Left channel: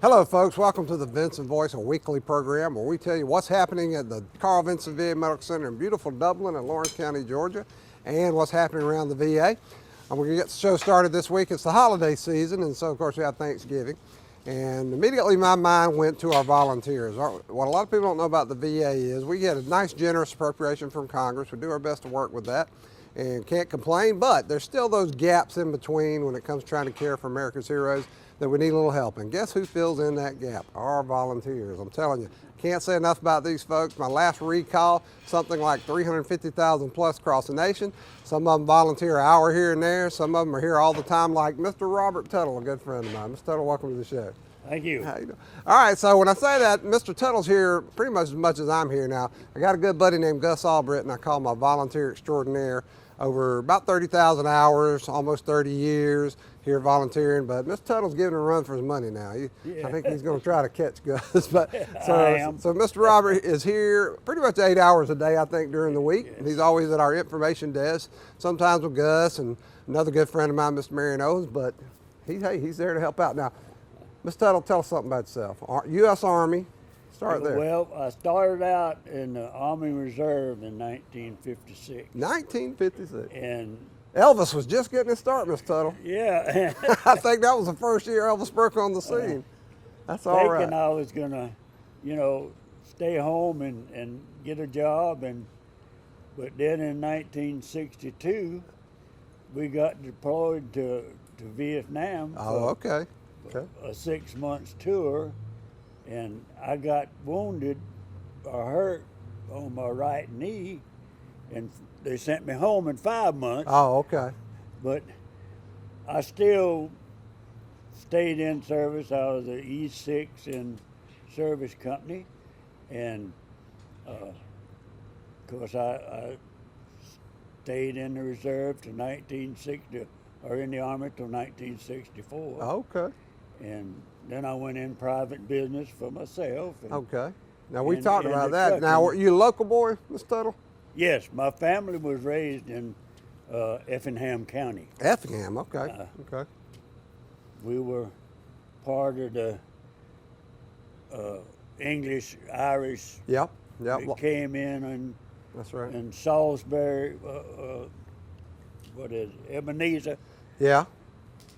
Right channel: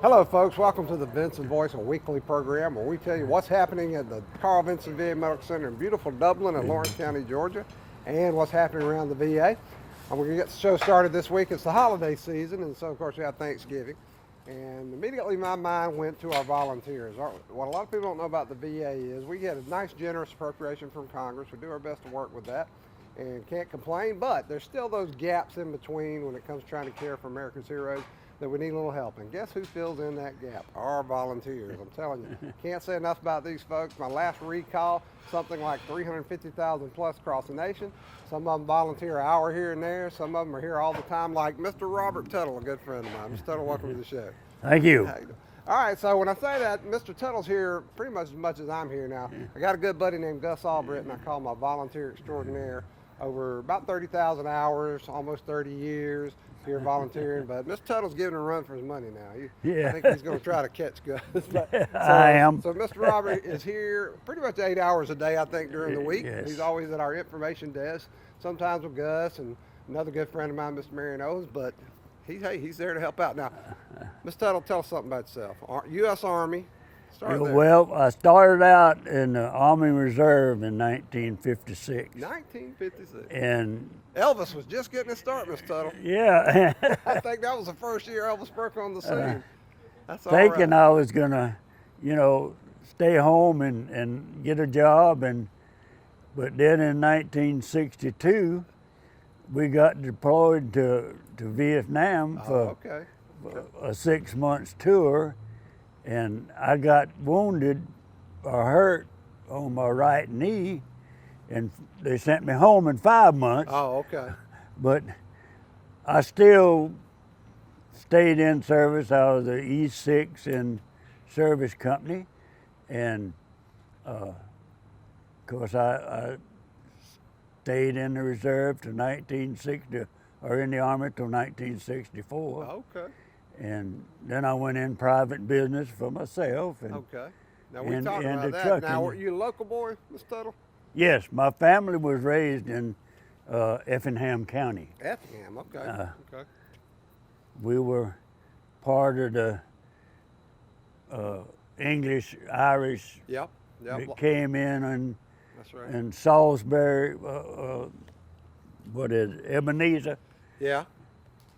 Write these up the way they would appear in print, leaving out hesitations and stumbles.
Hello, folks. Welcome to the Vinson Voice, a weekly program where we tell you what's happening at the Carl Vinson VA Medical Center in beautiful Dublin and Lawrence County, Georgia, and what's happening around the VA. We're going to get the show started this week. It's the holiday season, and so, of course, we have Thanksgiving. And immediately my mind went to our volunteers. What a lot of people don't know about the VA is we get a nice, generous appropriation from Congress. We do our best to work with that and can't complain, but there's still those gaps in between when it comes to trying to care for America's heroes that we need a little help. And guess who fills in that gap? Our volunteers. I'm telling you, can't say enough about these folks. My last recall, something like 350,000 plus across the nation. Some of them volunteer an hour here and there. Some of them are here all the time, like Mr. Robert Tuttle, a good friend of mine. Mr. Tuttle, welcome to the show. Thank you. How you doing? All right, so when I say that, Mr. Tuttle's here pretty much as I'm here now. I got a good buddy named Gus Albritton, I call him my volunteer extraordinaire. Over about 30,000 hours, almost 30 years here volunteering, but Mr. Tuttle's giving a run for his money now. I think he's going to try to catch Gus. But I am. So Mr. Robert is here pretty much 8 hours a day, I think, during the week. Yes. He's always at our information desk, sometimes with Gus and another good friend of mine, Mr. Marion Owens, but he's there to help out. Now, Mr. Tuttle, tell us something about yourself. U.S. Army. Start there. Well, I started out in the Army Reserve in 1956. 1956. And Elvis was just getting his start, Mr. Tuttle. yeah, I think that was the first year Elvis broke on the scene. That's all thinking right. I was going to, stay home and get a job. But then in 1962, we got deployed to Vietnam for Okay. a 6 months tour. And I got wounded or hurt on my right knee, and they sent me home in 5 months. Oh, okay. But I still stayed in service. I was the E6 in service company, and of course I stayed in the reserve to 1960, or in the Army till 1964. Okay. And then I went in private business for myself. And, Okay. Now, we and- talked and about the that. Now, trucking. were you a local boy, Mr. Tuttle? Yes, my family was raised in Effingham County. Effingham, okay. Okay. We were part of the English, Irish Yep. that came in That's right. and Salisbury, Ebenezer. Yeah.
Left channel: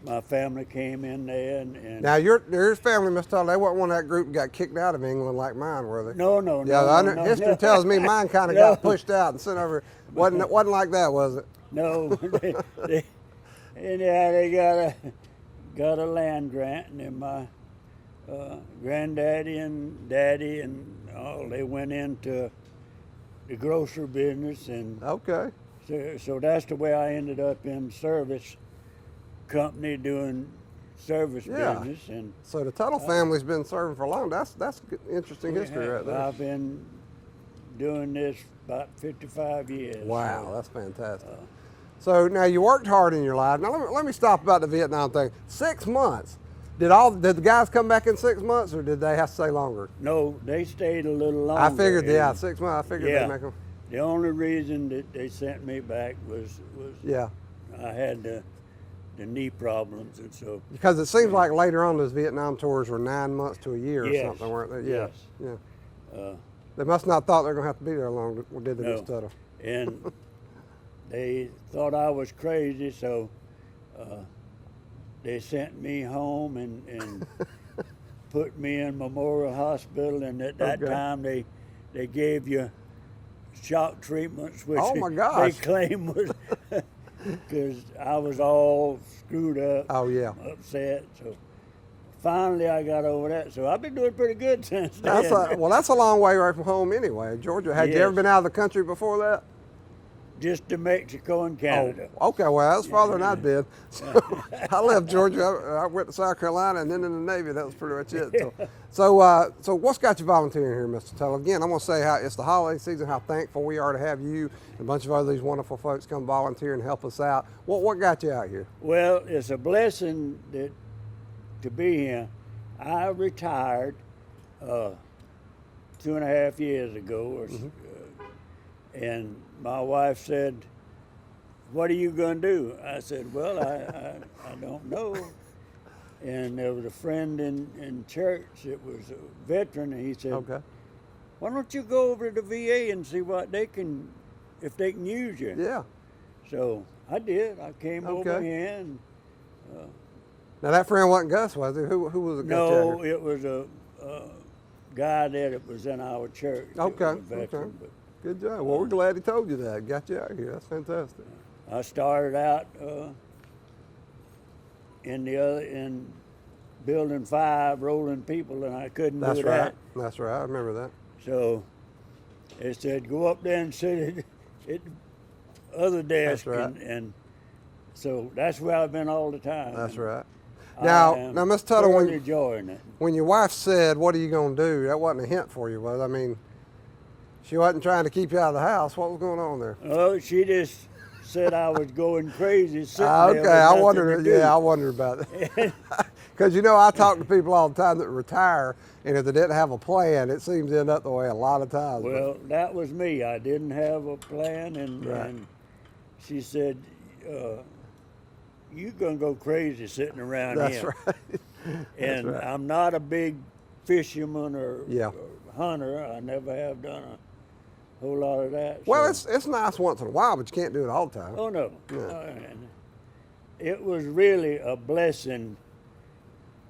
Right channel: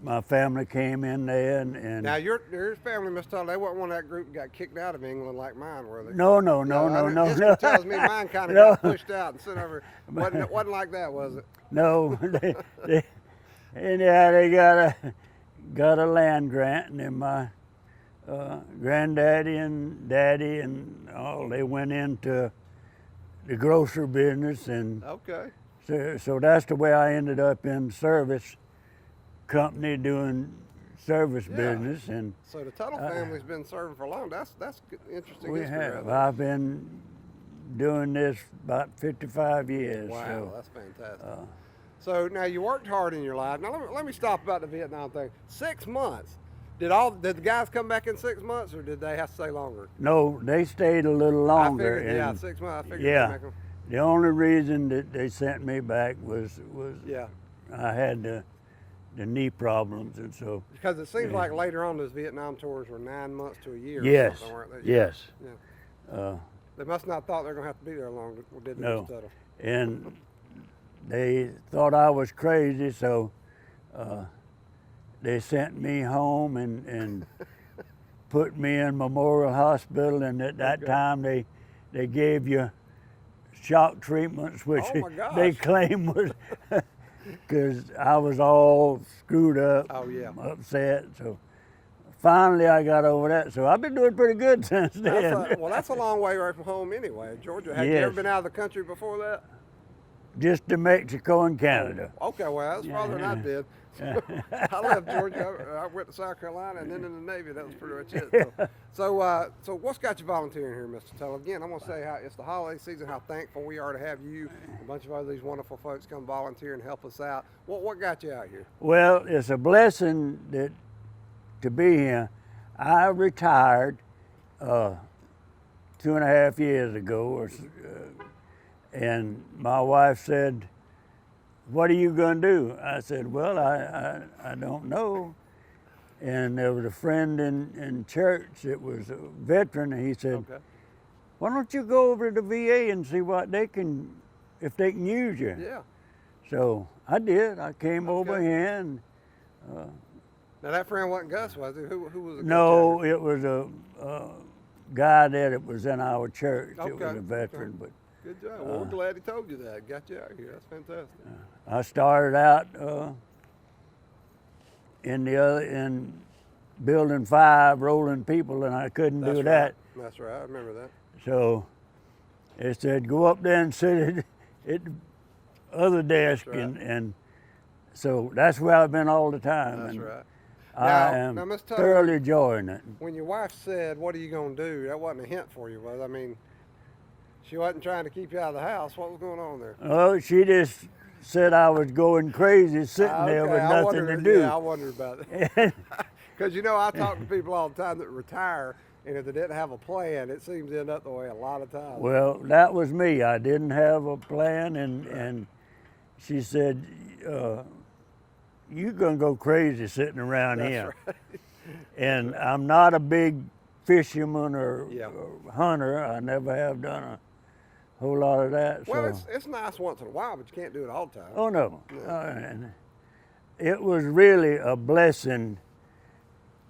My family came in there and Now, your family, Mr. Tuttle, they wasn't one of that group that got kicked out of England like mine, were they? no. History tells me mine kind of No. got pushed out and sent over. Wasn't like that, was it? No, anyhow, they got a land grant, and then my granddaddy and daddy and all, they went into the grocery business, and Okay. so that's the way I ended up in service company doing service Yeah. business. And So the Tuttle family's been serving for long. That's good, interesting history right there. I've been doing this about 55 years. Wow, so, that's fantastic. So now you worked hard in your life. Now let me stop about the Vietnam thing. 6 months. Did the guys come back in 6 months, or did they have to stay longer? no, they stayed a little longer. I figured, yeah, and 6 months. I figured Yeah. they'd make them. The only reason that they sent me back was Yeah, I had the knee problems, and so because it seems like later on those Vietnam tours were 9 months to a year or yes, something, weren't they? yes. Yeah. They must not thought they were going to have to be there long, did they, No. Mr. Tuttle? And they thought I was crazy, so they sent me home and put me in Memorial Hospital. And at that Okay. time, they gave you shock treatments, which Oh, my they gosh. claim was because I was all screwed up, Oh, yeah. upset. So finally, I got over that. So I've been doing pretty good since then. That's a long way right from home anyway. Georgia, had you Yes. ever been out of the country before that? Just to Mexico and Canada. Oh, okay, well, that's farther than I've been. So, I left Georgia. I went to South Carolina and then in the Navy. That was pretty much it. So what's got you volunteering here, Mr. Tuttle? Again, I'm going to say how it's the holiday season, how thankful we are to have you and a bunch of other these wonderful folks come volunteer and help us out. What got you out here? Well, it's a blessing to be here. I retired 2.5 years ago, and my wife said, "What are you going to do?" I said, "Well, I don't know." and there was a friend in church that was a veteran, and he said, Okay. why don't you go over to the VA and see what they can, if they can use you? Yeah. So I did. I came Okay. over here, and Now that friend wasn't Gus, was it? Who was it? no, it was a guy that was in our church. Okay. It was a veteran, Okay. but Good job. Well, we're glad he told you that. Got you out here. That's fantastic. I started out in building 5, rolling people, and I couldn't That's do right. that. That's right. I remember that. So they said, go up there and sit at the other desk, right. and so that's where I've been all the time. That's and right. I am Now, Miss Tuttle, thoroughly enjoying it. when your wife said, "What are you going to do?" that wasn't a hint for you, was it? I mean, she wasn't trying to keep you out of the house. What was going on there? Oh, she just said I was going crazy sitting there Okay, with I nothing wondered. to do. Yeah, I wondered about that. Because I talk to people all the time that retire, and if they didn't have a plan, it seems to end up the way a lot of times. Well, that was me. I didn't have a plan, and Right. and she said, "You're gonna go crazy sitting around that's here." right. And I'm not a big fisherman or Yeah. hunter. I never have done a whole lot of that. Well, so. it's nice once in a while, but you can't do it all the time. Oh no. And it was really a blessing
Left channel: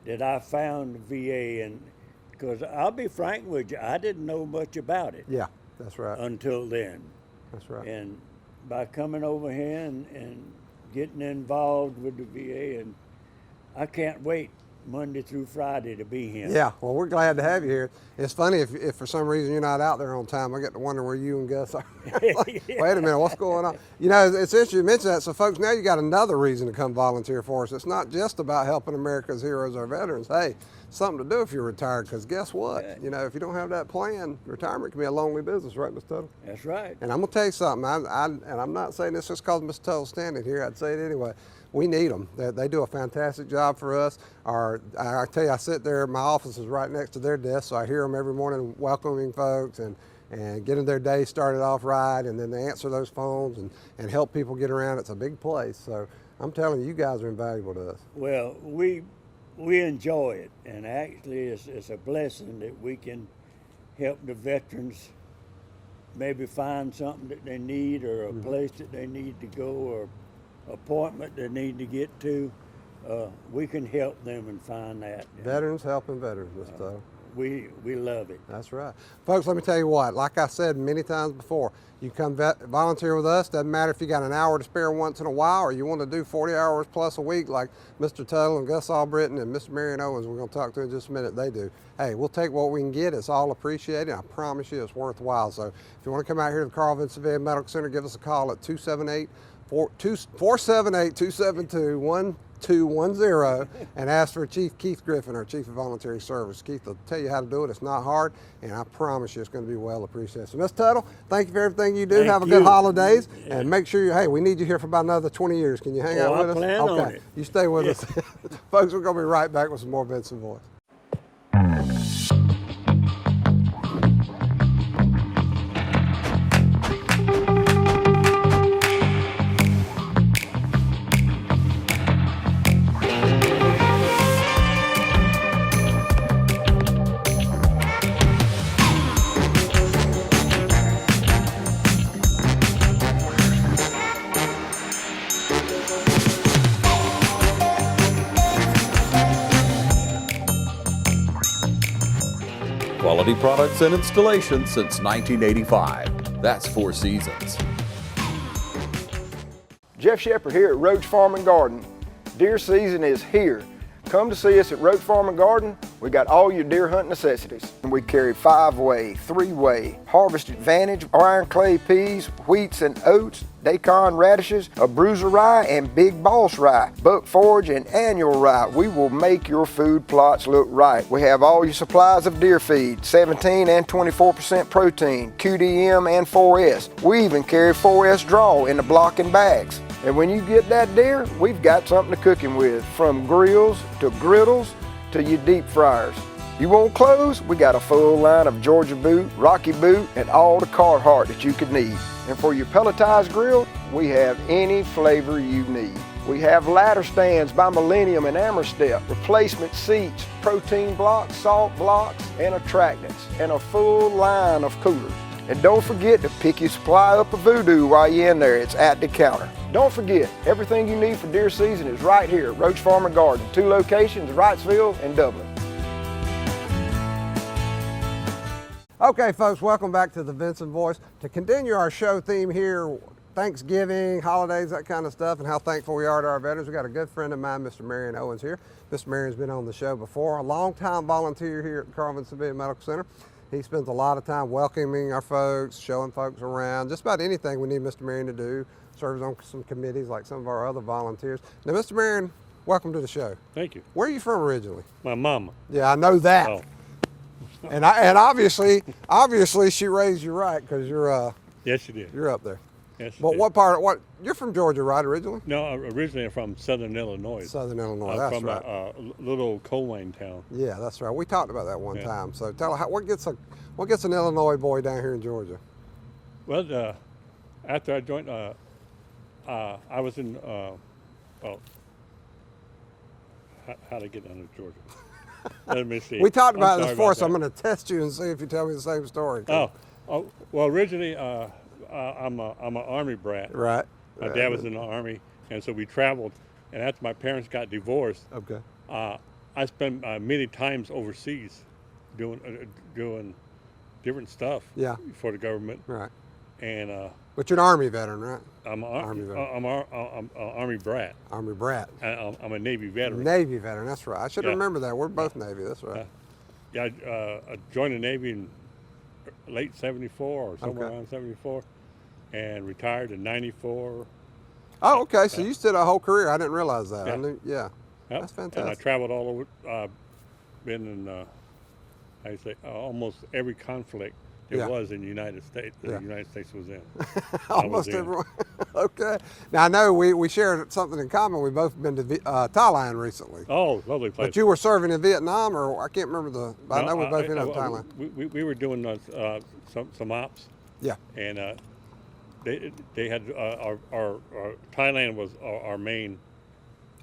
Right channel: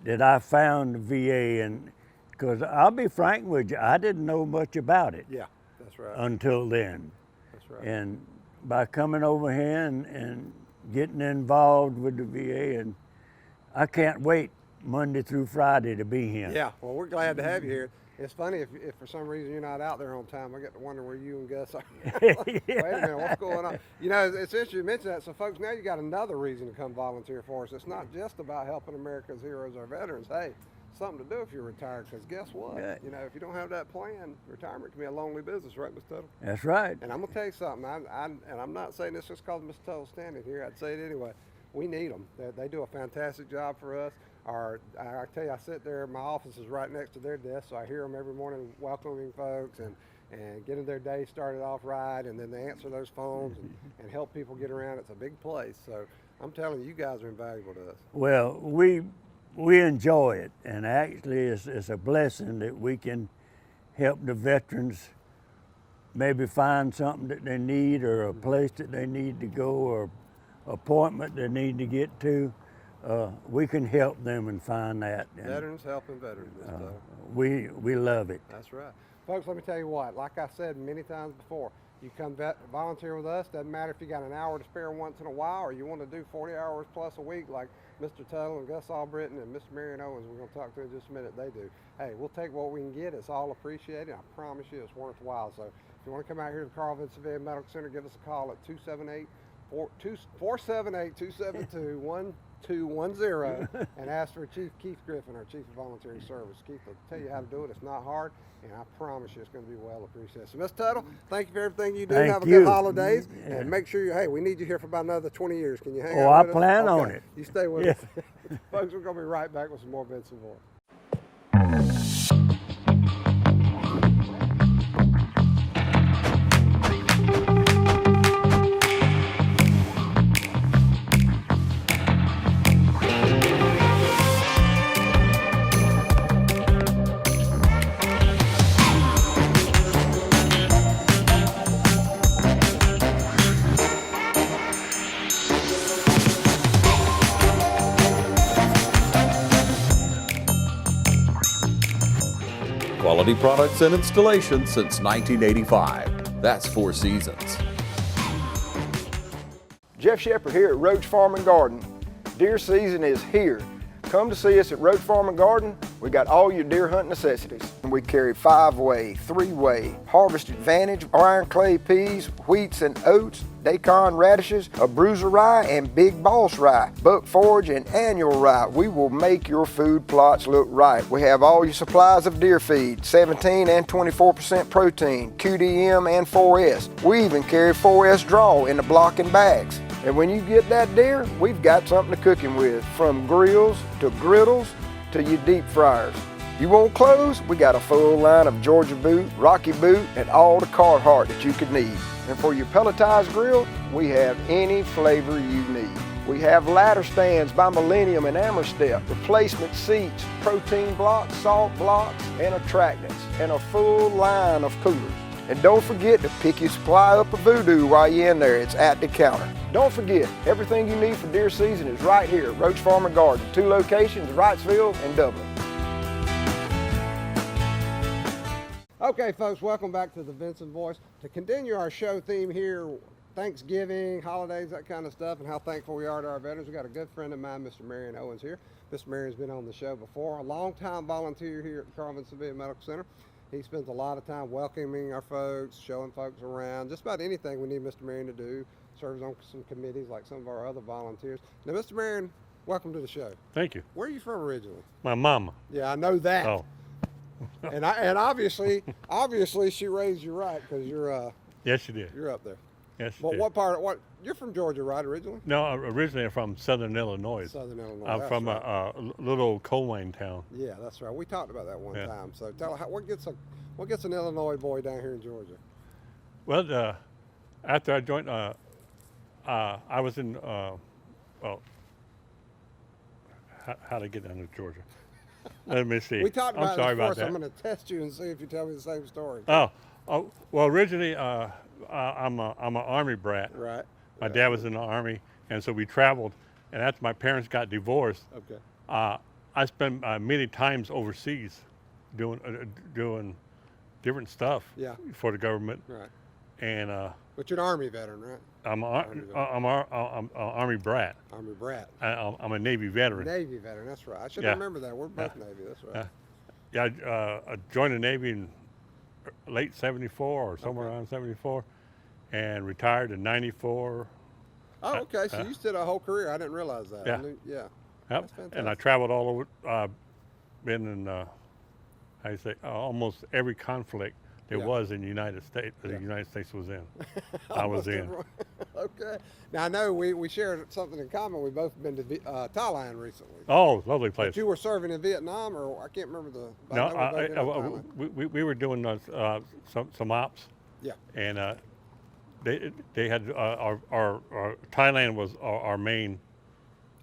that I found the VA, and because I'll be frank with you, I didn't know much about it Yeah, that's right. until then. That's right. And by coming over here and getting involved with the VA, and I can't wait Monday through Friday to be here. Yeah, well, we're glad to have you here. It's funny if for some reason you're not out there on time, I get to wonder where you and Gus are. Like, Yeah. Wait a minute, what's going on? It's interesting you mentioned that. So, folks, now you got another reason to come volunteer for us. It's not just about helping America's heroes, our veterans. Hey, something to do if you're retired, because guess what? Yeah. If you don't have that plan, retirement can be a lonely business, right, Mr. Tuttle? That's right. And I'm gonna tell you something. And I'm not saying this just because Mr. Tuttle's standing here. I'd say it anyway. We need them. They do a fantastic job for us. I tell you, I sit there. My office is right next to their desk, so I hear them every morning welcoming folks and getting their day started off right. And then they answer those phones and help people get around. It's a big place. So I'm telling you, you guys are invaluable to us. Well, we enjoy it, and actually it's a blessing that we can help the veterans maybe find something that they need, or a place that they need to go, or appointment they need to get to. We can help them and find that. And, Veterans helping veterans, Mr. Tuttle. we love it. That's right. Folks, let me tell you what, like I said many times before, you come volunteer with us. Doesn't matter if you got an hour to spare once in a while, or you want to do 40 hours plus a week like Mr. Tuttle and Gus Albritton and Mr. Marion Owens, we're going to talk to in just a minute, they do. Hey, we'll take what we can get. It's all appreciated. I promise you it's worthwhile. So if you want to come out here to the Carl Vinson VA Medical Center, give us a call at 478-272-1210 and ask for Chief Keith Griffin, our Chief of Voluntary Service. Keith will tell you how to do it. It's not hard, and I promise you it's going to be well appreciated. So, Ms. Tuttle, thank you for everything you do. Thank Have a you. good holidays, and make sure hey, we need you here for about another 20 years. Can you hang out I with us? plan on Okay. it. You stay with us. Folks, we're going to be right back with some more Vinson Voice. Quality products and installation since 1985. That's 4 Seasons. Jeff Shepard here at Roach Farm and Garden. Deer season is here. Come to see us at Roach Farm and Garden. We got all your deer hunt necessities. We carry 5-way, 3-way, Harvest Advantage, iron clay peas, wheats and oats, daikon radishes, a bruiser rye, and big boss rye, buck forage and annual rye. We will make your food plots look right. We have all your supplies of deer feed, 17 and 24% protein, QDM and 4S. We even carry 4S draw in the block and bags. And when you get that deer, we've got something to cook him with, from grills to griddles to your deep fryers. You want clothes? We got a full line of Georgia boot, Rocky boot, and all the Carhartt that you could need. And for your pelletized grill, we have any flavor you need. We have ladder stands by Millennium and Amerstep, replacement seats, protein blocks, salt blocks, and attractants, and a full line of coolers. And don't forget to pick your supply up of Voodoo while you're in there. It's at the counter. Don't forget, everything you need for deer season is right here at Roach Farm and Garden. 2 locations, Wrightsville and Dublin. Okay, folks, welcome back to the Vinson Voice. To continue our show theme here, Thanksgiving, holidays, that kind of stuff, and how thankful we are to our veterans. We got a good friend of mine, Mr. Marion Owens here. Mr. Marion's been on the show before, a long-time volunteer here at Carl Vinson Medical Center. He spends a lot of time welcoming our folks, showing folks around, just about anything we need Mr. Marion to do. Serves on some committees like some of our other volunteers. Now, Mr. Marion, welcome to the show. Thank you. Where are you from originally? My mama. Yeah, I know that. Oh. And obviously she raised you right, because Yes, you did. you're up there. Yes, you But did. what part? You're from Georgia, right? Originally? No, originally I'm from Southern Illinois. Southern Illinois. I'm That's from right. a little coal mine town. Yeah, that's right. We talked about that one Yeah. time. So tell us, what gets an Illinois boy down here in Georgia? Well, after I joined, I was in. How to get down to Georgia? Let me see. We talked about I'm this sorry before, about so I'm that. going to test you and see if you tell me the same story. Oh, well, originally I'm an Army brat. Right. My dad was in the Army, and so we traveled. And after my parents got divorced, Okay. I spent many times overseas doing different stuff Yeah. for the government. Right. And But you're an Army veteran, right? I'm Army veteran. an Army brat. Army brat. I'm a Navy veteran. Navy veteran, that's right. I should Yeah. remember that. We're both Navy, that's right. Yeah, I joined the Navy in late '74 or somewhere Okay. around '74, and retired in '94. Oh, okay. So you did a whole career. I didn't realize that. Yeah. Yeah. Yep. That's fantastic. And I traveled all over. Been in, how you say, almost every conflict there Yeah. was in the United States. Yeah. The United States was in. Almost everyone. Okay. Now I know we shared something in common. We've both been to Thailand recently. Oh, lovely place. But you were serving in Vietnam, or I can't remember I know we both been to Thailand. We were doing some ops. Yeah. And they had our Thailand was our main.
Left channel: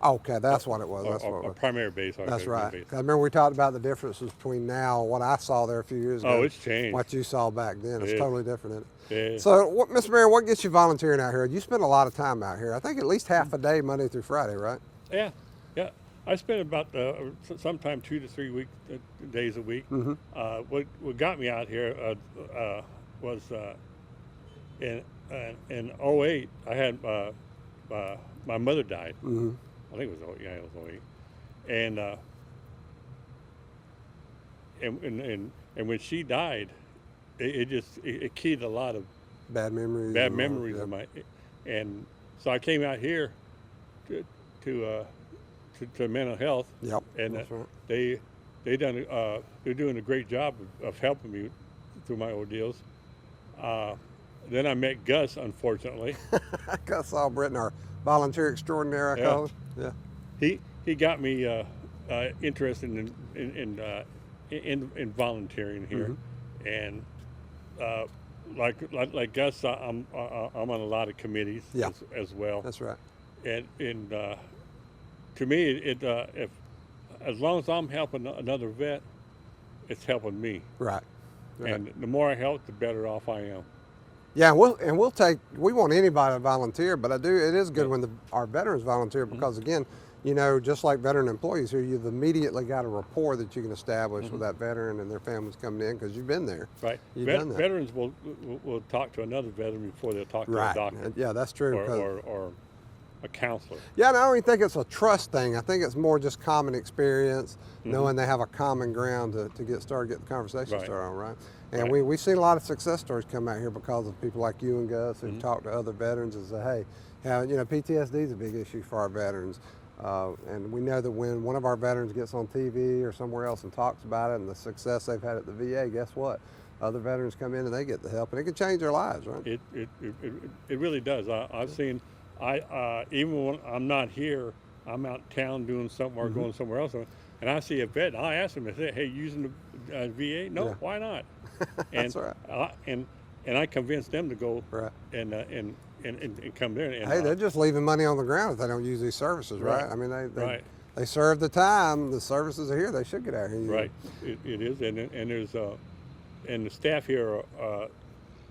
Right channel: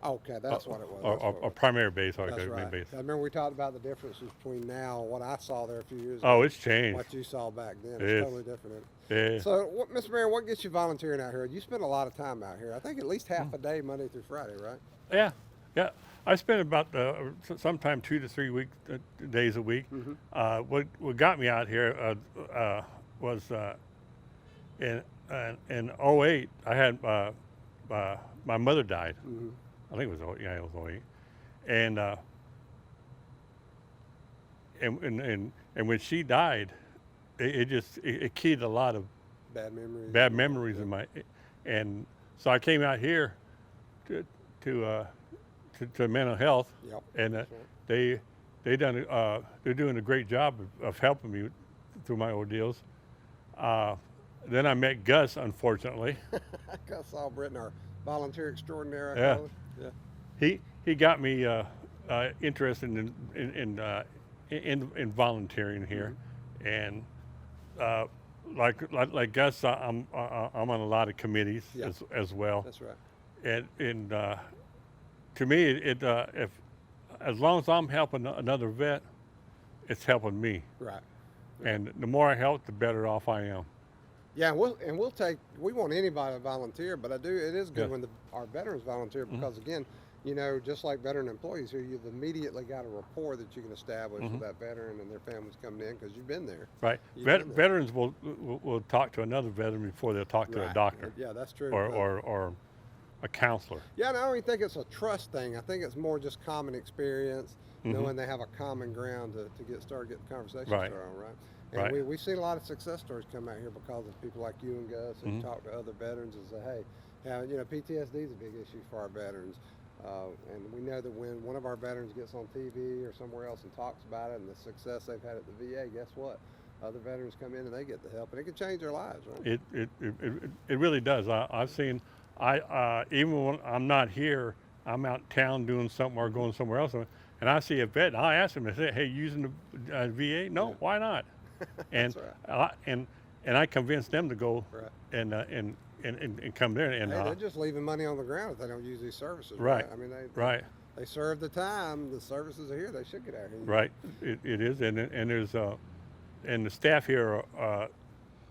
Okay, that's what it was. That's what it Our was. primary base. That's our right. base. I remember we talked about the differences between now and what I saw there a few years ago. Oh, it's changed. What you saw back then. It's Yeah. totally different. Isn't it? Yeah. So, Mr. Marion, what gets you volunteering out here? You spend a lot of time out here. I think at least half a day, Monday through Friday, right? Yeah. I spent about sometime 2 to 3 days a week. Mm-hmm. What got me out here was in '08. I had my mother died. Mm-hmm. I think it was it was '08, and when she died, it keyed a lot of Bad memories. bad and all, memories yeah. of my, and so I came out here to mental health. Yep. And that's right. they're doing a great job of helping me through my ordeals. Then I met Gus, unfortunately. Gus Albritton, our volunteer extraordinaire, I Yeah. call him. Yeah. He got me interested in volunteering here, and like Gus, I'm on a lot of committees Yeah. as well. That's right. And to me, if as long as I'm helping another vet, it's helping me. Right. And the more I help, the better off I am. Yeah, we want anybody to volunteer, but it is good when our veterans volunteer because again, you know, just like veteran employees here, you've immediately got a rapport that you can establish with that veteran and their families coming in because you've been there. Right. You've done that. Veterans will talk to another veteran before they'll talk to a doctor. Yeah, that's true. Or a counselor. Yeah, and I don't even think it's a trust thing. I think it's more just common experience, knowing they have a common ground to get started, get the conversation started on, right? And Right. we've seen a lot of success stories come out here because of people like you and Gus who talk to other veterans and say, hey, PTSD is a big issue for our veterans. And we know that when one of our veterans gets on TV or somewhere else and talks about it and the success they've had at the VA, guess what? Other veterans come in and they get the help, and it can change their lives, right? It really does. I've seen, even when I'm not here, I'm out town doing something or going somewhere else, and I see a vet, and I ask them, I say, hey, using the VA? No, why not? And That's right. and I convince them to go, Right. and and come there. And, Hey, they're just leaving money on the ground if they don't use these services, right? Right, I mean, right. they serve the time. The services are here. They should get out here. Right, it is, and there's and the staff here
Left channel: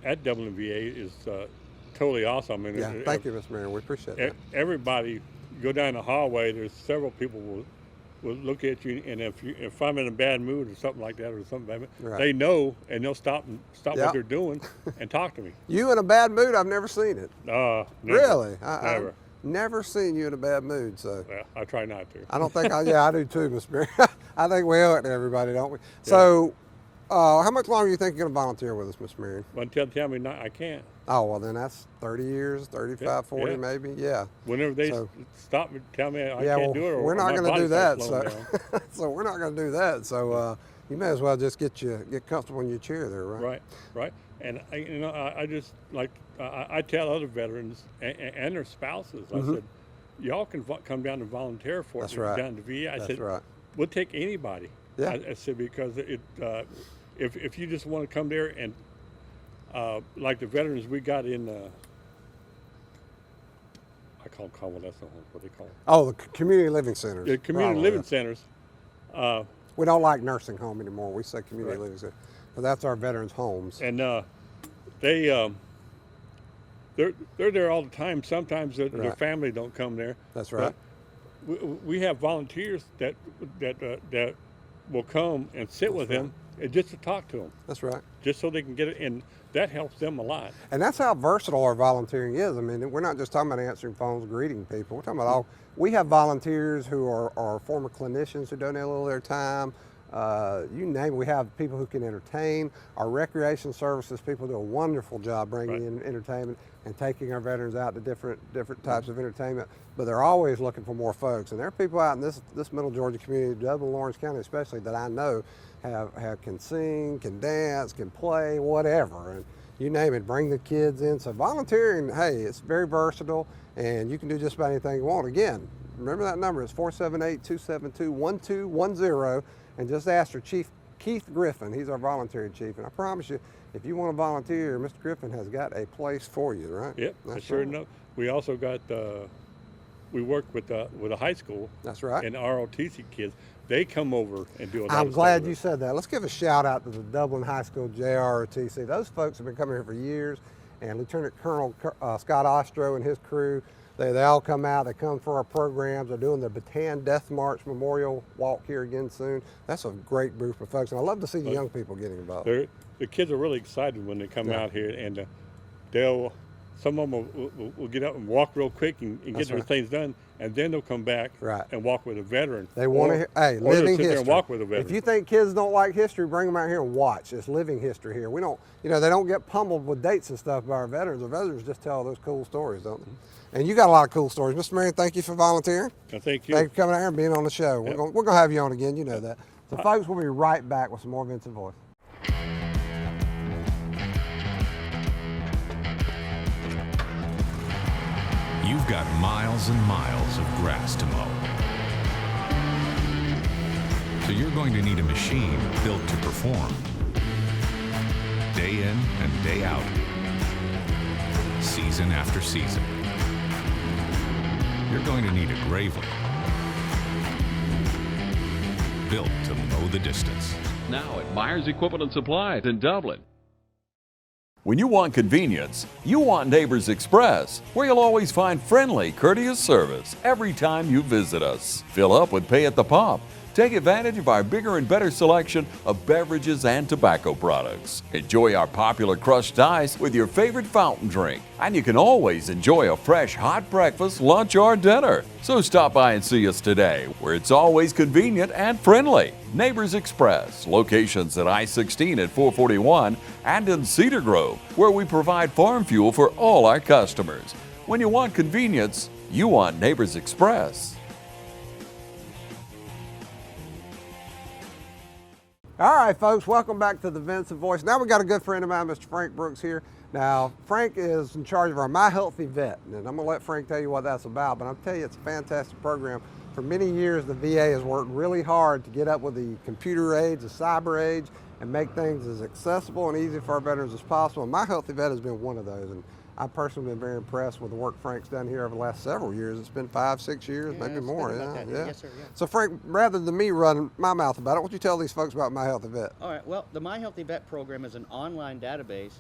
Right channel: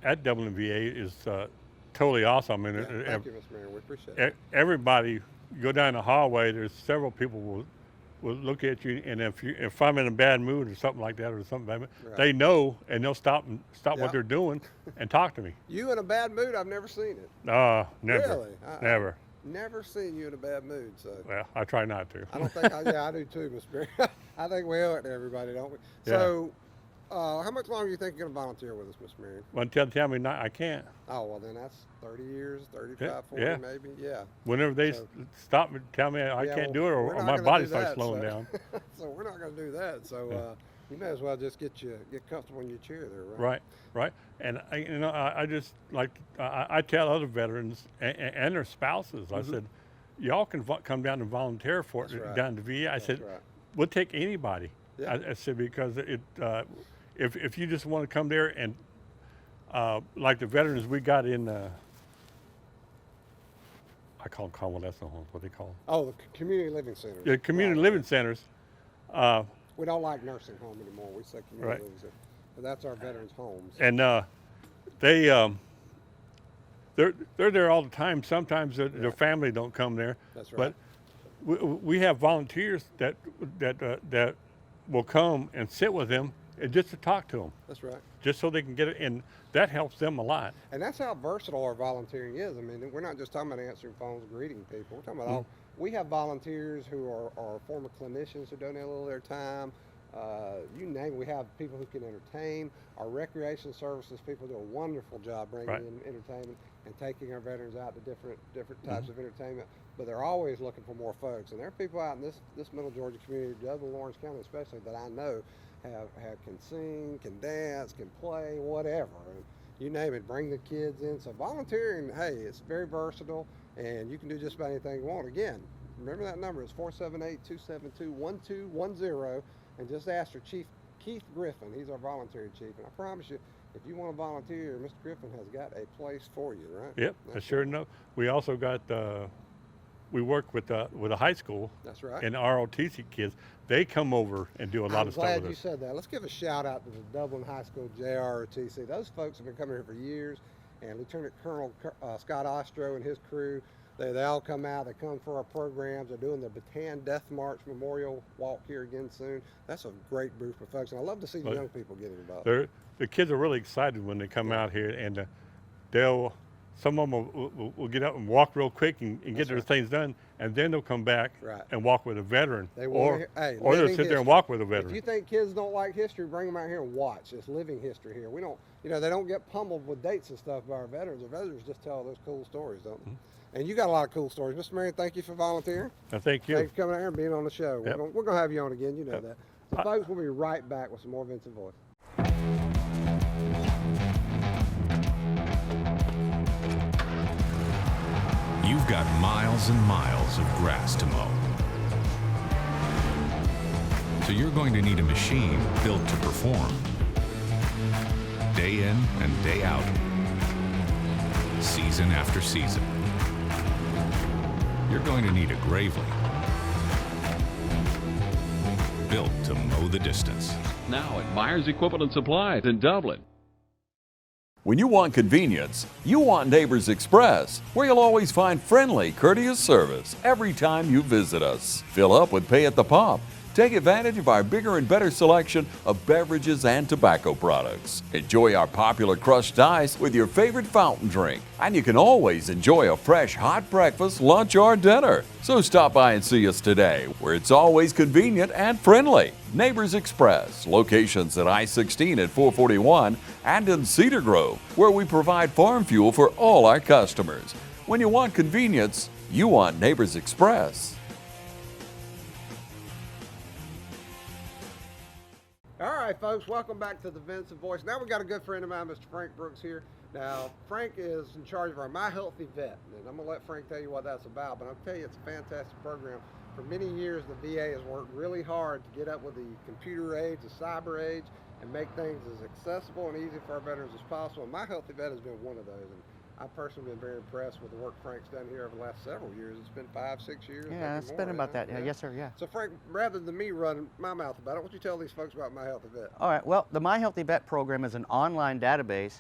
at WVA is totally awesome. And Yeah, thank you, Miss Marion. We appreciate it. Everybody go down the hallway. There's several people will look at you, and if I'm in a bad mood or something like that, or something like that, Right. they know, and they'll stop Yep. what they're doing and talk to me. You in a bad mood? I've never seen it. Never, Really? never. I've never seen you in a bad mood. So Well, I try not to. I don't think I do too, Miss Marion. I think we owe it to everybody, don't we? So, how much longer do you think you're going to volunteer with us, Miss Marion? Well, tell me not, I can't. Oh, well, then that's 30 years, 35, Yeah, 40 yeah. maybe. Yeah. Whenever they So- stop me, tell me I Yeah, can't do it, or we're my not going to body do that. starts slowing down. So we're not going to do that. So you may as well just get comfortable in your chair there, right? Right. And I just like I tell other veterans and their spouses. I said, y'all can come down and volunteer for That's it right. down to VA. I That's said, right. we'll take anybody. Yeah. I said because if you just want to come there and like the veterans we got in. I call them convalescent homes. What they call them? Oh, the community living centers. Yeah, community Right, living yeah. centers. We don't like nursing home anymore. We say community Right. living center. But that's our veterans' homes. And they're there all the time. Sometimes their Right. family don't come there. That's right. But we have volunteers that will come and sit with them and just to talk to them, That's right. just so they can get it, and that helps them a lot. And that's how versatile our volunteering is. I mean, we're not just talking about answering phones, greeting people. We're talking about all. We have volunteers who are former clinicians who donate a little of their time. You name it. We have people who can entertain. Our recreation services people do a wonderful job bringing Right. in entertainment and taking our veterans out to different types of entertainment. But they're always looking for more folks. And there are people out in this Middle Georgia community, Dublin, Lawrence County especially, that I know can sing, can dance, can play, whatever. And you name it, bring the kids in. So volunteering, hey, it's very versatile, and you can do just about anything you want. Again, remember that number is 478-272-1210, and just ask for Chief Keith Griffin. He's our volunteering chief, and I promise you, if you want to volunteer, Mr. Griffin has got a place for you, right? Yep, I That's sure right. know. We also got we work with a high school. That's right. And ROTC kids, they come over and do a lot I'm of glad stuff you with said that. Let's give a shout out to the Dublin High School JROTC. Those folks have been coming here for years, and Lieutenant Colonel Scott Ostro and his crew, they all come out. They come for our programs. They're doing the Bataan Death March Memorial Walk here again soon. That's a great group of folks, and I love to see the young people getting involved. The kids are really excited when they come out here, and some of them will get up and walk real quick and That's get their right. things done, and then they'll come back Right. and walk with a veteran. They want to hear, hey, or they'll living sit there history. and walk with a veteran. If you think kids don't like history, bring them out here and watch. It's living history here. We don't, they don't get pummeled with dates and stuff by our veterans. Our veterans just tell those cool stories, don't they? And you got a lot of cool stories. Mr. Marion, thank you for volunteering. I thank you. Thank you for coming out here and being on the show. Yep. We're gonna have you on again, you know that. So folks, we'll be right back with some more Vinson Voice. You've got miles and miles of grass to mow. So you're going to need a machine built to perform. Day in and day out. Season after season. You're going to need a Gravely. Built to mow the distance. Now at Myers Equipment and Supplies in Dublin. When you want convenience, you want Neighbors Express, where you'll always find friendly, courteous service every time you visit us. Fill up with pay at the pump. Take advantage of our bigger and better selection of beverages and tobacco products. Enjoy our popular crushed ice with your favorite fountain drink. And you can always enjoy a fresh hot breakfast, lunch, or dinner. So stop by and see us today, where it's always convenient and friendly. Neighbors Express, locations at I-16 at 441 and in Cedar Grove, where we provide farm fuel for all our customers. When you want convenience, you want Neighbors Express. All right, folks, welcome back to the Vinson Voice. Now we got a good friend of mine, Mr. Frank Brooks here. Now, Frank is in charge of our My Healthy Vet, and I'm gonna let Frank tell you what that's about, but I'll tell you it's a fantastic program. For many years, the VA has worked really hard to get up with the computer age, the cyber age, and make things as accessible and easy for our veterans as possible. And My Healthy Vet has been one of those. And I've personally been very impressed with the work Frank's done here over the last several years. It's been 5, 6 years, Yeah, maybe it's more. been about that. Yes, sir. Yeah. So Frank, rather than me running my mouth about it, why don't you tell these folks about My Healthy Vet? All right. Well, the My Healthy Vet program is an online database.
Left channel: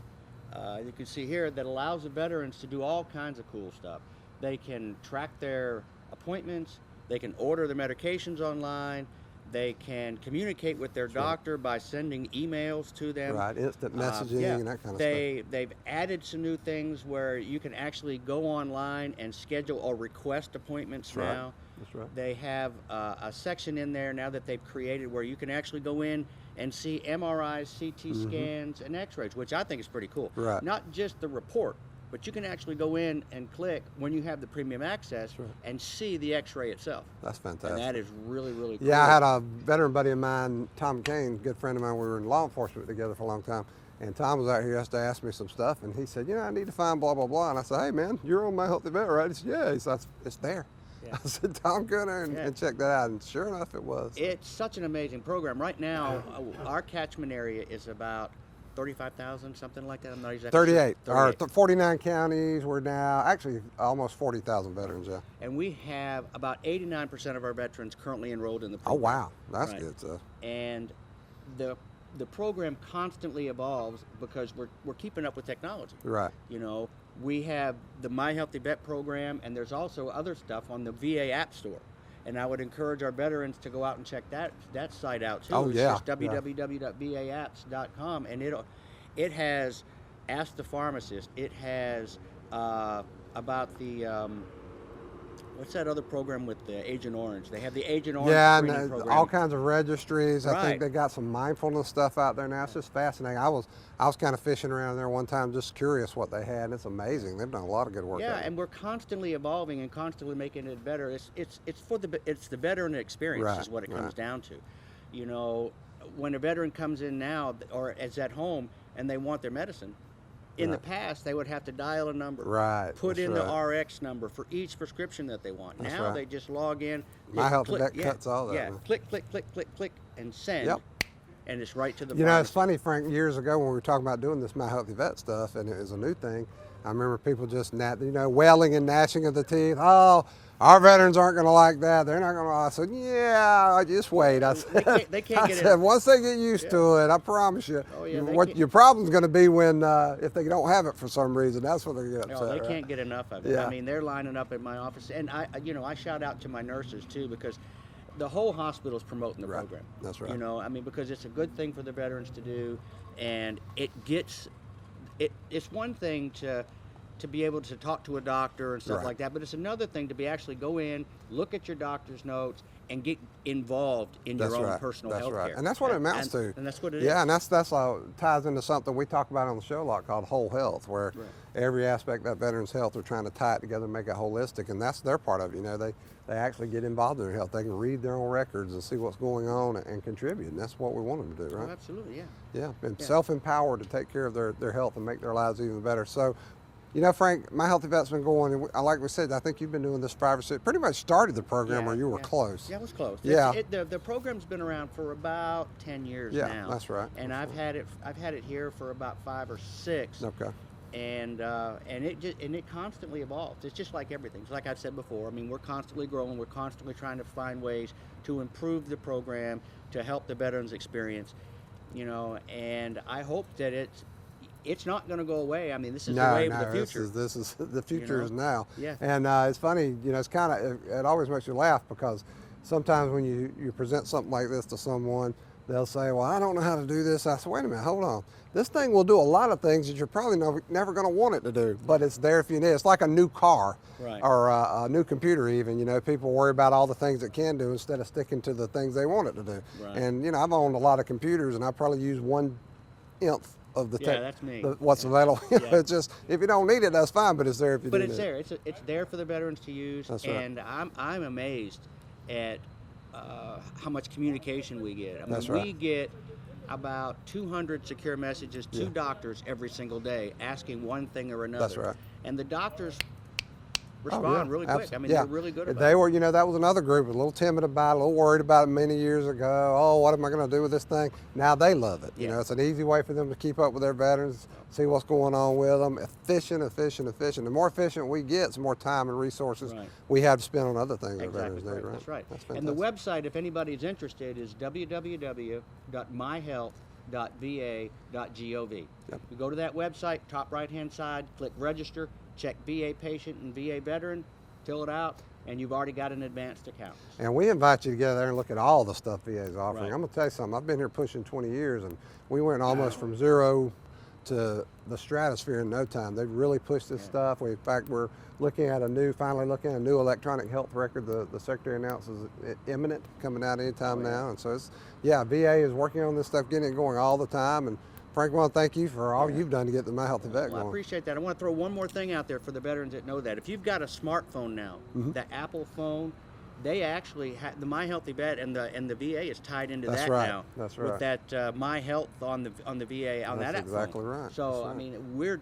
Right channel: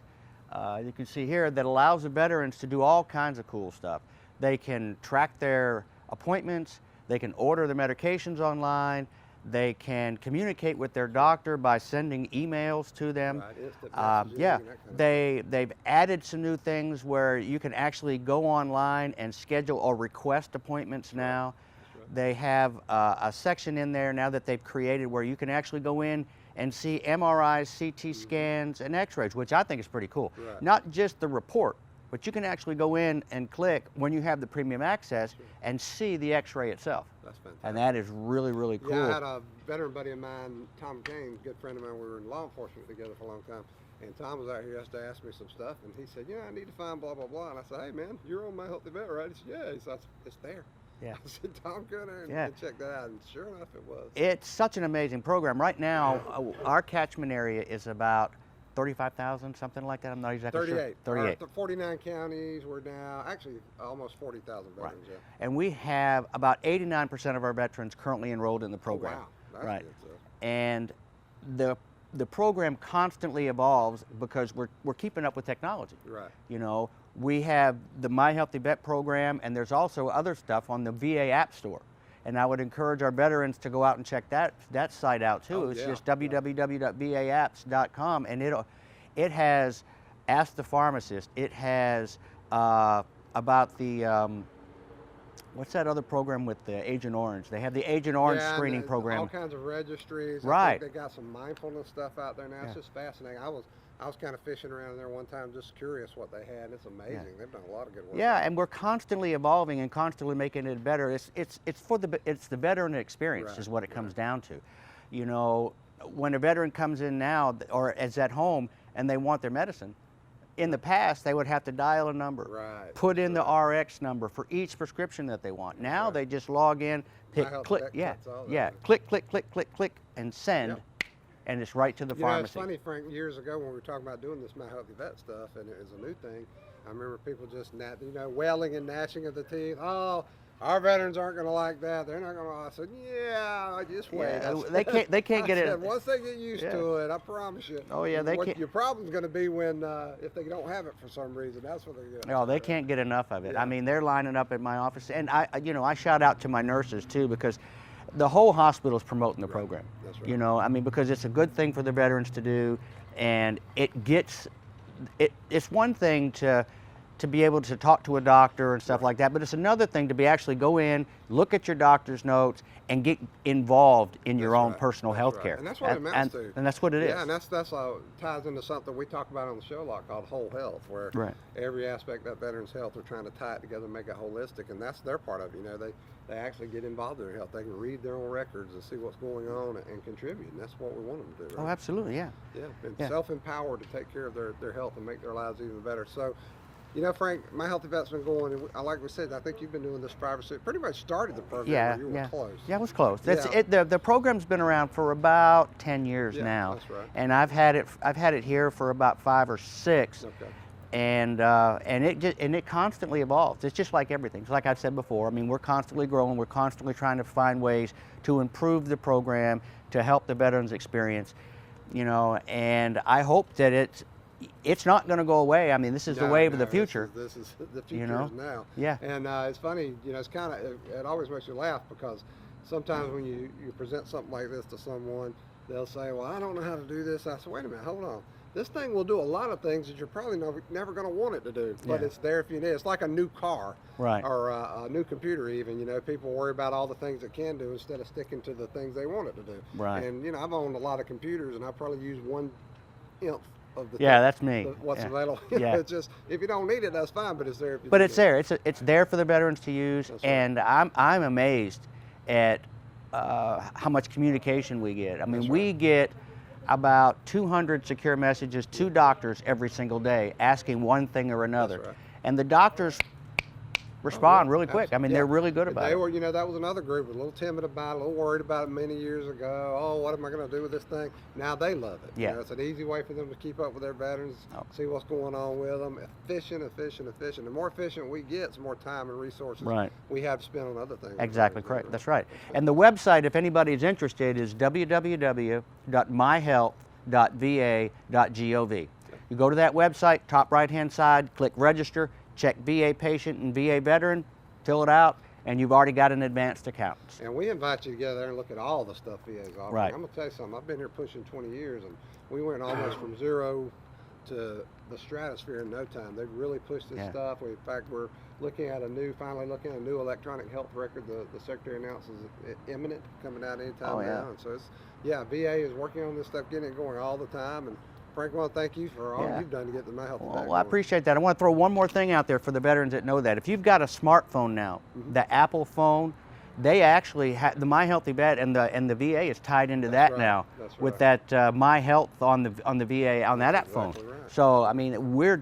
You can see here that allows the veterans to do all kinds of cool stuff. They can track their appointments. They can order their medications online. They can communicate with their doctor by sending emails to them. Right, instant messaging Yeah, and that kind of they've added some new things where you can actually go online and schedule or request appointments That's right. now. That's right. They have a section in there now that they've created where you can actually go in and see MRIs, CT scans, and X-rays, which I think is pretty cool. Right. Not just the report, but you can actually go in and click when you have the premium access and see the X-ray itself. That's fantastic. And that is really, really cool. Yeah, I had a veteran buddy of mine, Tom Kane, good friend of mine. We were in law enforcement together for a long time. And Tom was out here yesterday to ask me some stuff. And he said, I need to find blah, blah, blah. And I said, hey, man, you're on My Healthy Vet, right? He said, yeah. He said, it's there. Yeah. I said, Tom, go in there and check that out. And sure enough, it was. It's such an amazing program. Right now, our catchment area is about 35,000, something like that. I'm not exactly 38. sure. Or 49 counties. We're now actually almost 40,000 veterans. Yeah. And we have about 89% of our veterans currently enrolled in the Oh, program. wow. That's Right. good stuff. And the program constantly evolves because we're keeping up with technology. Right. We have the My Healthy Vet program, and there's also other stuff on the VA App Store. And I would encourage our veterans to go out and check that site out too. Oh, it's yeah. just www.vaapps.com, and it has Ask the Pharmacist. It has about the what's that other program with the Agent Orange? They have the Agent Orange screening and program. all kinds of registries. I Right. think they got some mindfulness stuff out there now. It's just fascinating. I was kind of fishing around there one time, just curious what they had. And it's amazing. They've done a lot of good work. Yeah, on it. and we're constantly evolving and constantly making it better. It's the veteran experience Right, is what it comes right. down to. When a veteran comes in now or is at home and they want their medicine, in the past they would have to dial a number, Right, put that's in right. the RX number for each prescription that they want. That's Now right. they just log in, My hit Healthy click, Vet cuts all that, yeah, man. click, click, click, click, click, and send, Yep. and it's right to the It's pharmacy. funny, Frank, years ago when we were talking about doing this My Healthy Vet stuff, and it was a new thing, I remember people just, wailing and gnashing of the teeth. Oh, our veterans aren't going to like that. They're not going to. I said, yeah, just wait. I said, they can't I get said, it. once they get used to it, I promise you. Oh, yeah, they What can't- your problem's going to be when if they don't have it for some reason. That's what they get upset. No, they right? can't get enough of it. Yeah. I mean, they're lining up at my office, and I shout out to my nurses too, because the whole hospital is promoting the program. That's right. Because it's a good thing for the veterans to do, and it's one thing to be able to talk to a doctor and stuff Right. like that, but it's another thing to be actually go in, look at your doctor's notes, and get involved in your That's own right. personal That's health right. care. And that's what it amounts to. And that's what it is. Yeah, and that's ties into something we talk about on the show a lot called whole health, where Right. every aspect of that veteran's health, we're trying to tie it together and make it holistic, and that's their part of it. They actually get involved in their health. They can read their own records and see what's going on and contribute, and that's what we want them to do, right? Oh, absolutely, yeah. Yeah, and Yeah. self-empowered to take care of their health and make their lives even better. So, Frank, My Healthy Vet's been going, and like we said, I think you've been doing this 5 or 6, pretty much started the program where you were close. Yeah, I was close. Yeah. The program's been around for about 10 years Yeah, now. that's right. And I've had it here for about 5 or 6. Okay. And it constantly evolves. It's just like everything. It's like I've said before. I mean, we're constantly growing. We're constantly trying to find ways to improve the program to help the veterans experience. And I hope that it's not going to go away. I mean, this is the wave of the future. This is the future is now. Yeah. And it's funny, it's kind of, it always makes you laugh because sometimes when you present something like this to someone, they'll say, well, I don't know how to do this. I said, wait a minute, hold on. This thing will do a lot of things that you're probably never going to want it to do, but it's there if you need it. It's like a new car, Right. or a new computer even. People worry about all the things it can do instead of sticking to the things they want it to do. Right. And, I've owned a lot of computers, and I probably use 1/10 of the Yeah, that's me. what's Yeah. little. Yeah. It's just, if you don't need it, that's fine, but it's there if you But need it's it. there. It's there for the veterans to use. That's right. And I'm amazed at how much communication we get. I mean, That's we right. get about 200 secure messages to doctors every single day asking one thing or another. right. And the doctors respond yeah, really quick. I mean, they're really good about it. They were, you know, that was another group, a little timid about it, a little worried about it many years ago. Oh, what am I going to do with this thing? Now they love it. Yeah. You know, it's an easy way for them to keep up with their veterans, see what's going on with them. Efficient, efficient, efficient. The more efficient we get, the more time and resources we have to spend on other things. Exactly correct. That's right. That's And the website, if anybody is interested, is www.myhealth.va.gov. You go to that website, top right-hand side, click register, check VA patient and VA veteran, fill it out, and you've already got an advanced account. And we invite you to get there and look at all the stuff VA's offering. Right. I'm going to tell you something. I've been here pushing 20 years, and we went almost from zero to the stratosphere in no time. They've really pushed this stuff. In fact, we're finally looking at a new electronic health record. The Secretary announces imminent, coming out anytime now. And so it's, VA is working on this stuff, getting it going all the time. And Frank, I want to thank you for all you've done to get the My Healthy Vet Well, I going. appreciate that. I want to throw one more thing out there for the veterans that know that. If you've got a smartphone now, the Apple phone, they actually have the My Healthy Vet, and the VA is tied into that now. That's with that My Health on the VA on that app exactly phone. right. So I mean, we're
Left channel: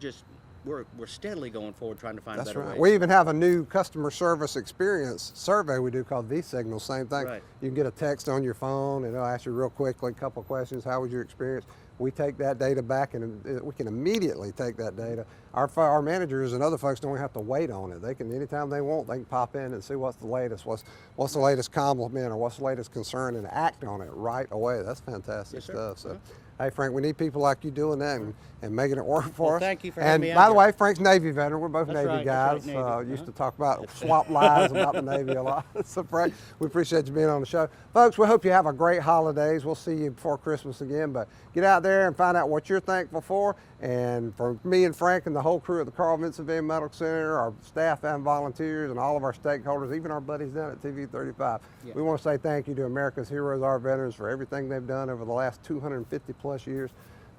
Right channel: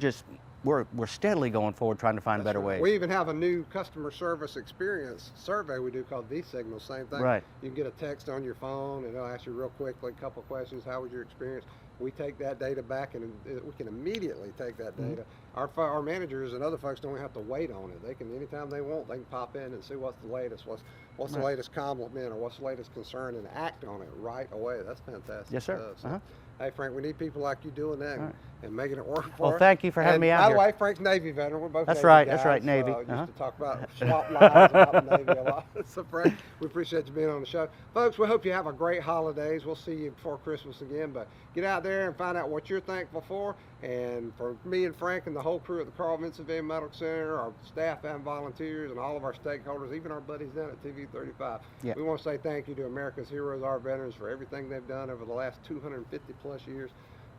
steadily going forward trying to find better ways. We even have a new customer service experience survey we do called V-Signal, same thing. Right. You can get a text on your phone and it'll ask you real quickly a couple of questions. How was your experience? We take that data back and we can immediately take that data. Our managers and other folks don't have to wait on it. They can, anytime they want, they can pop in and see what's the latest, what's the latest compliment or what's the latest concern, and act on it right away. That's fantastic Yes, sir. stuff. So, hey, Frank, we need people like you doing that and making it work for Well, us. thank you for having me out By the here. way, Frank's Navy veteran. We're both That's Navy right, guys. that's right, Navy. Used to talk about swap lives about the Navy a lot. So, Frank, we appreciate you being on the show. Folks, we hope you have a great holidays. We'll see you before Christmas again, but get out there and find out what you're thankful for. And for me and Frank and the whole crew at the Carl Vinson VA Medical Center, our staff and volunteers, and all of our stakeholders, even our buddies down at TV 35, we want to say thank you to America's heroes, our veterans, for everything they've done over the last 250 plus years,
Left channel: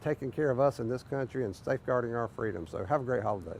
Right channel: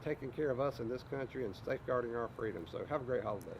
taking care of us in this country and safeguarding our freedom. So have a great holiday.